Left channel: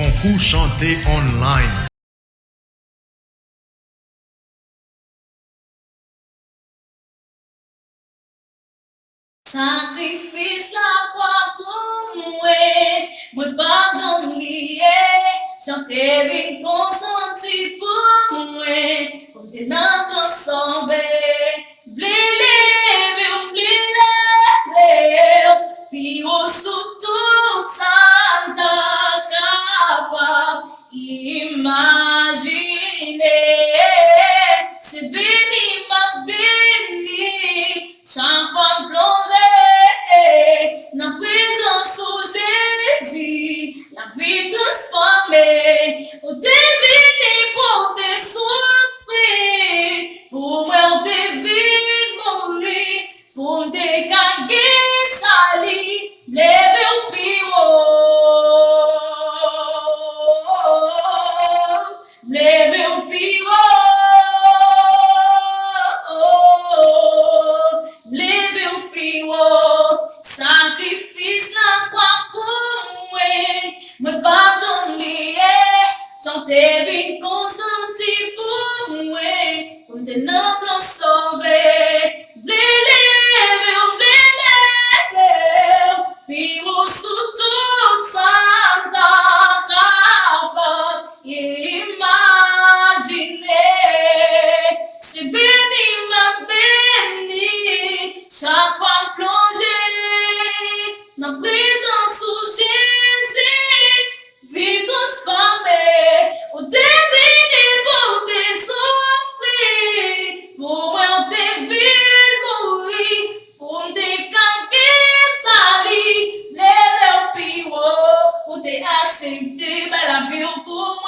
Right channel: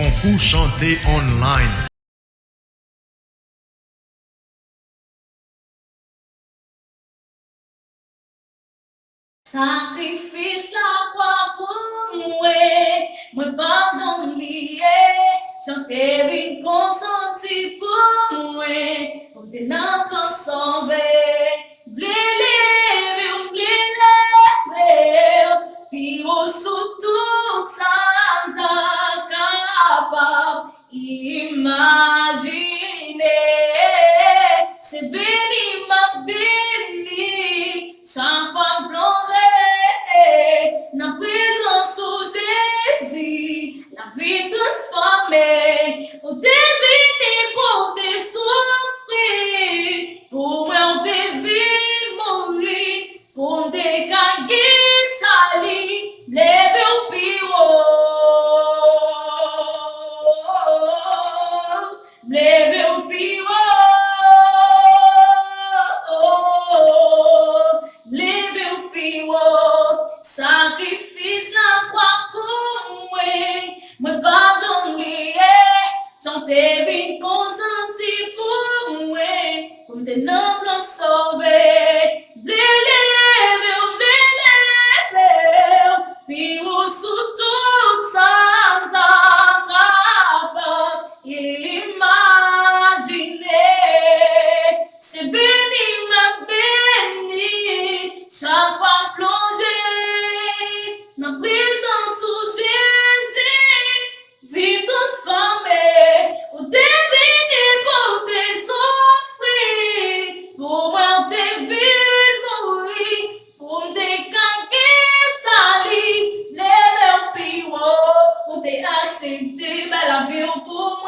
concours chanté online. Sacrifice la croix pour moi pas j'oublier, chanter vite consenti pour moi, comme des nains sauver, blé, puis au sous tout ça capable imaginer, c'est béni ma béni, sans femme plongée dans prison sous Jésus, la vie transformée, au deviner pour te souffrir, pour moi on devine mourir, pour te caguer sali, leve au pio, leve au pio. Sacrifice la croix pour moi pas j'oublier, chanter vite consenti pour moi, comme des nobles sauvés, puis au sous tout ça capable imaginer, c'est béni ma béni, chaque femme plongée dans prison sous Jésus, vie transformée, au deviner pour te souffrir, pour moi te vivre mourir, pour te canquer sali, lève au pire, pour te accepter, mais la vie pour